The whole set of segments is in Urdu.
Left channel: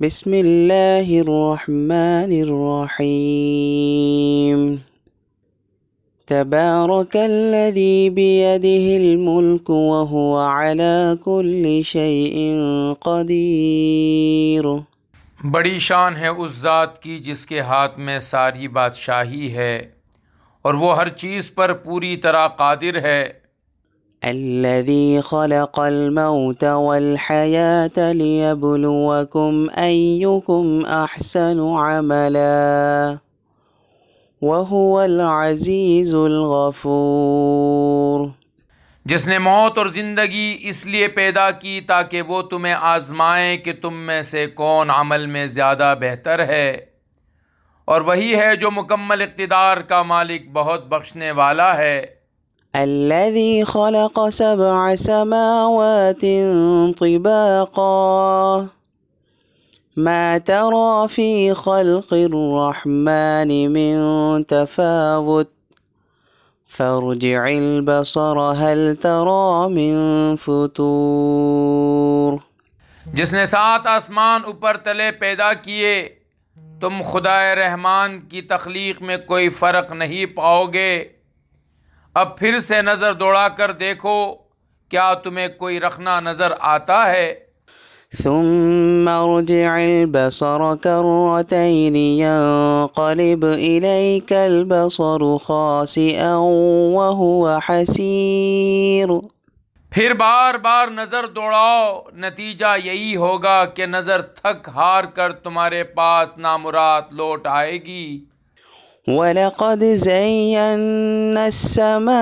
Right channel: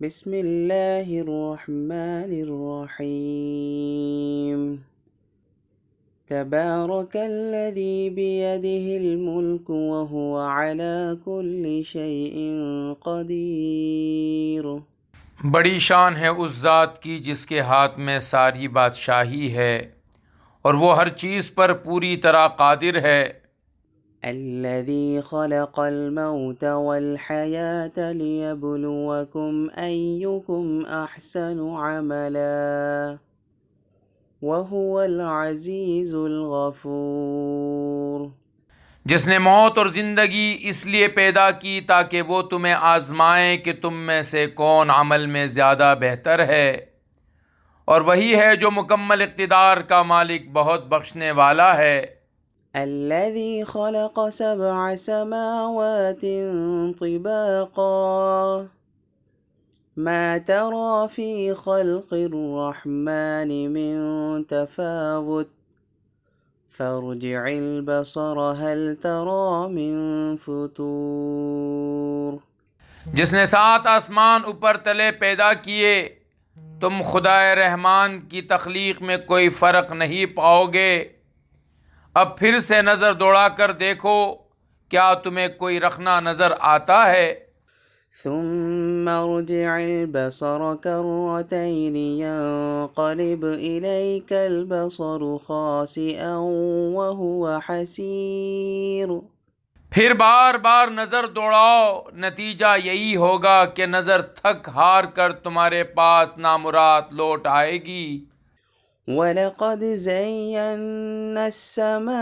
بسم اللہ الرحمن الرحیم تبارک الذی بیدہ الملک وہو علی کل شیء قدیر۔ بڑی شان ہے اس ذات کی جس کے ہاتھ میں ساری بادشاہی ہے اور وہ ہر چیز پر پوری طرح قادر ہے۔ الذی خلق الموت والحیاة لیبلوکم ایکم احسن عملا وہو العزیز الغفور۔ جس نے موت اور زندگی اس لیے پیدا کی تاکہ وہ تمہیں آزمائے کہ تم میں سے کون عمل میں زیادہ بہتر ہے، اور وہی ہے جو مکمل اقتدار کا مالک بہت بخشنے والا ہے۔ الذي خلق 7 سماوات طباقا ما ترى في خلق الرحمن من تفاوت فارجع البصر هل ترى من فطور۔ جس نے 7 آسمان اوپر تلے پیدا کیے، تم خدائے رحمان کی تخلیق میں کوئی فرق نہیں پاؤ گے۔ اب پھر سے نظر دوڑا کر دیکھو، کیا تمہیں کوئی رخنہ نظر آتا ہے؟ ثم ارجع البصر كرتين ينقلب إليك البصر خاسئا وهو حسير۔ پھر بار بار نظر دوڑاؤ، نتیجہ یہی ہوگا کہ نظر تھک ہار کر تمہارے پاس نامراد لوٹ آئے گی۔ وَلَقَدْ زَيَّنَّا السَّمَاءَ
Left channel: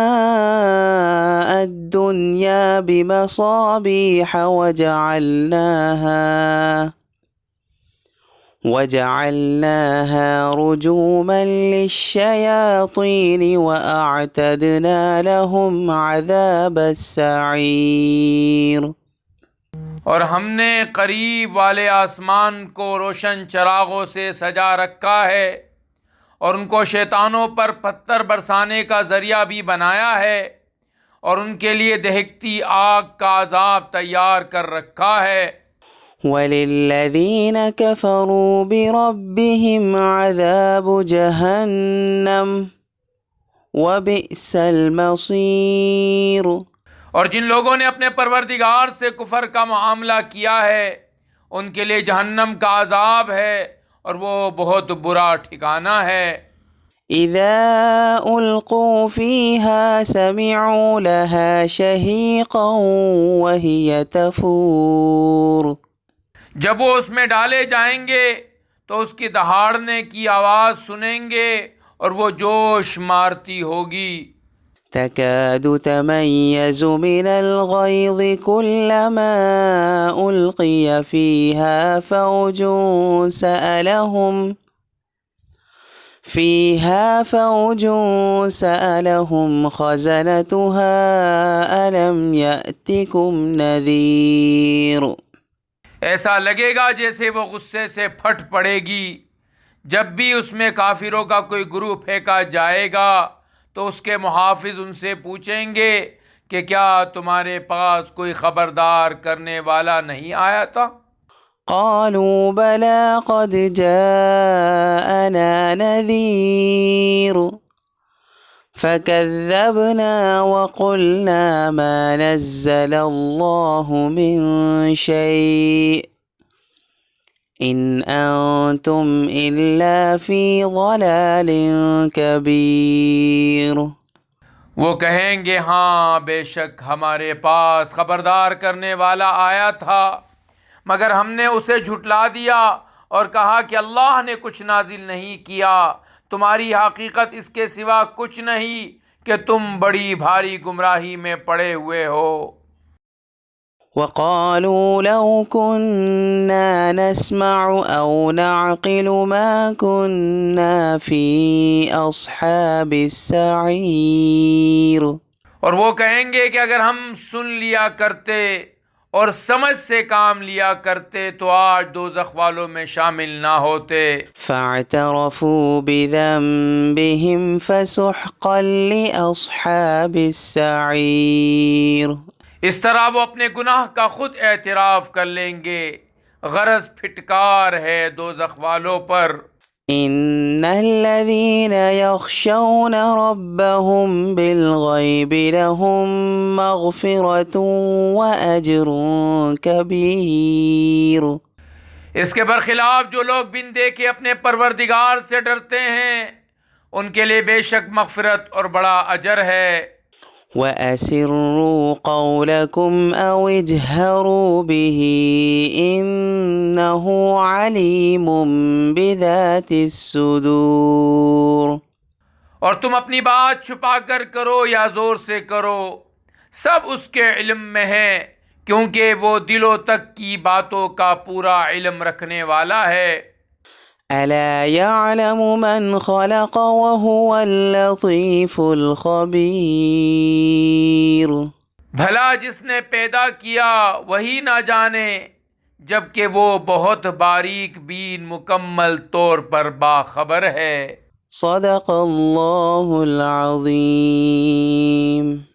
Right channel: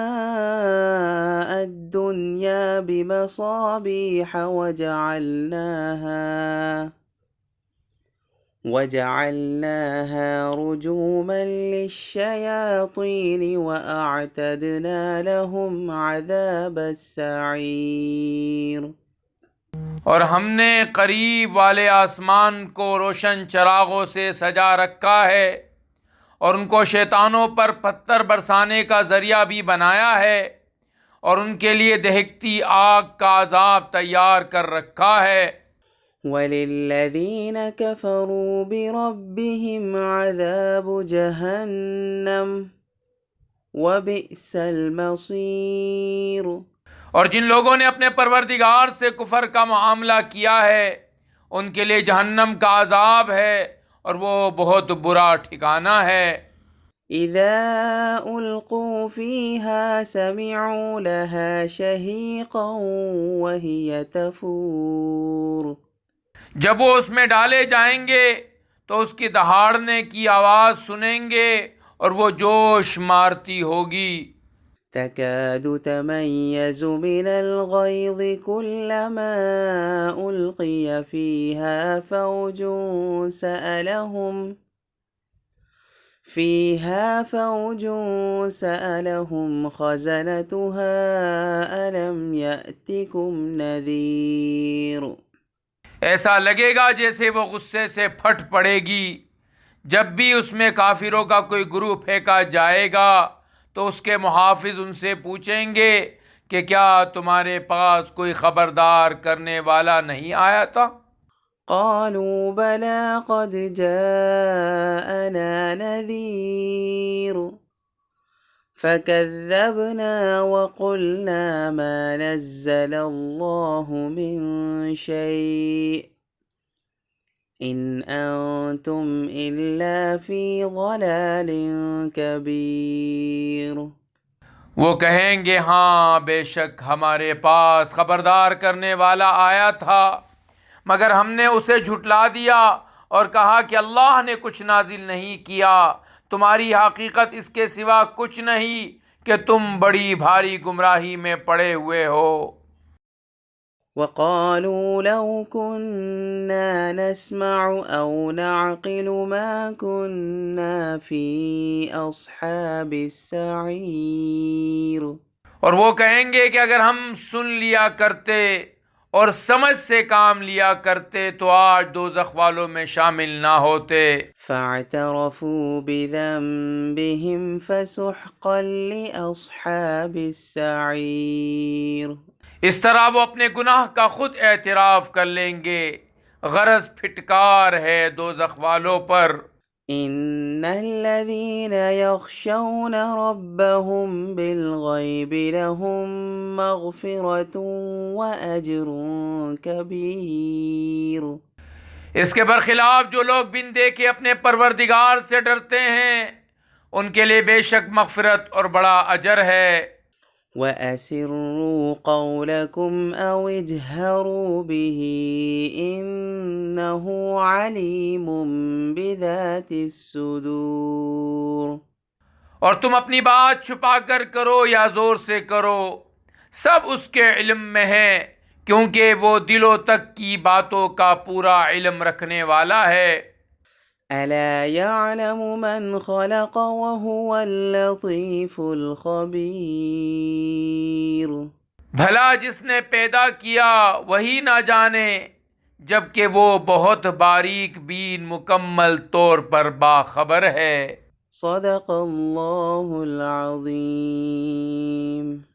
الدُّنْيَا بِمَصَابِيحَ وَجَعَلْنَاهَا رُجُومًا لِلشَّيَاطِينِ وَأَعْتَدْنَا لَهُمْ عَذَابَ السَّعِيرِ۔ اور ہم نے قریب والے آسمان کو روشن چراغوں سے سجا رکھا ہے، اور ان کو شیطانوں پر پتھر برسانے کا ذریعہ بھی بنایا ہے، اور ان کے لیے دہکتی آگ کا عذاب تیار کر رکھا ہے۔ وَلِلَّذِينَ كَفَرُوا بِرَبِّهِمْ عَذَابُ جَهَنَّمَ وَبِئْسَ الْمَصِيرُ۔ اور جن لوگوں نے اپنے پروردگار سے کفر کا معاملہ کیا ہے، ان کے لیے جہنم کا عذاب ہے، اور وہ بہت برا ٹھکانہ ہے۔ اذا القوا فيها سمعوا لها شهيقا وهي تفور۔ جب وہ اس میں ڈالے جائیں گے تو اس کی دہاڑنے کی آواز سنیں گے، اور وہ جوش مارتی ہوگی۔ تكاد تميز من الغيظ كلما ألقي فيها فوج سألهم خزنتها ألم يأتكم نذير۔ ایسا لگے گا جیسے وہ غصے سے پھٹ پڑے گی۔ جب بھی اس میں کافروں کا کوئی گروہ پھینکا جائے گا تو اس کے محافظ ان سے پوچھیں گے کہ کیا تمہارے پاس کوئی خبردار کرنے والا نہیں آیا تھا؟ قالوا بلى قد جاءنا نذير فكذبنا وقلنا ما نزل الله من شيء إن أنتم إلا في ضلال كبير۔ وہ کہیں گے ہاں بے شک ہمارے پاس خبردار کرنے والا آیا تھا، مگر ہم نے اسے جھٹلا دیا اور کہا کہ اللہ نے کچھ نازل نہیں کیا، تمہاری حقیقت اس کے سوا کچھ نہیں کہ تم بڑی بھاری گمراہی میں پڑے ہوئے ہو۔ وقالوا لو كنا نسمع أو نعقل ما كنا في أصحاب السعير۔ اور وہ کہیں گے کہ اگر ہم سن لیا کرتے اور سمجھ سے کام لیا کرتے تو آج دوزخ والوں میں شامل نہ ہوتے۔ فاعترفوا بذنبهم فسحقا لأصحاب السعير۔ اس طرح وہ اپنے گناہ کا خود اعتراف کر لیں گے، غرض پھٹکار ہے دوزخ والوں پر۔ إن الذين يخشون ربهم بالغيب لهم مغفرة وأجر كبير۔ اس کے برخلاف جو لوگ بن دیکھے اپنے پروردگار سے ڈرتے ہیں ان کے لیے بے شک مغفرت اور بڑا اجر ہے۔ وَأَسِرُّوا قَوْلَكُمْ أَوْ اجْهَرُوا بِهِ إِنَّهُ عَلِيمٌ بِذَاتِ الصُّدُورِ۔ اور تم اپنی بات چھپا کر کرو یا زور سے کرو، سب اس کے علم میں ہے، کیونکہ وہ دلوں تک کی باتوں کا پورا علم رکھنے والا ہے۔ أَلَا يَعْلَمُ مَنْ خَلَقَ وَهُوَ اللَّطِيفُ الْخَبِيرُ۔ بھلا جس نے پیدا کیا وہی نہ جانے، جبکہ وہ بہت باریک بین مکمل طور پر باخبر ہے۔ صدق اللہ العظیم۔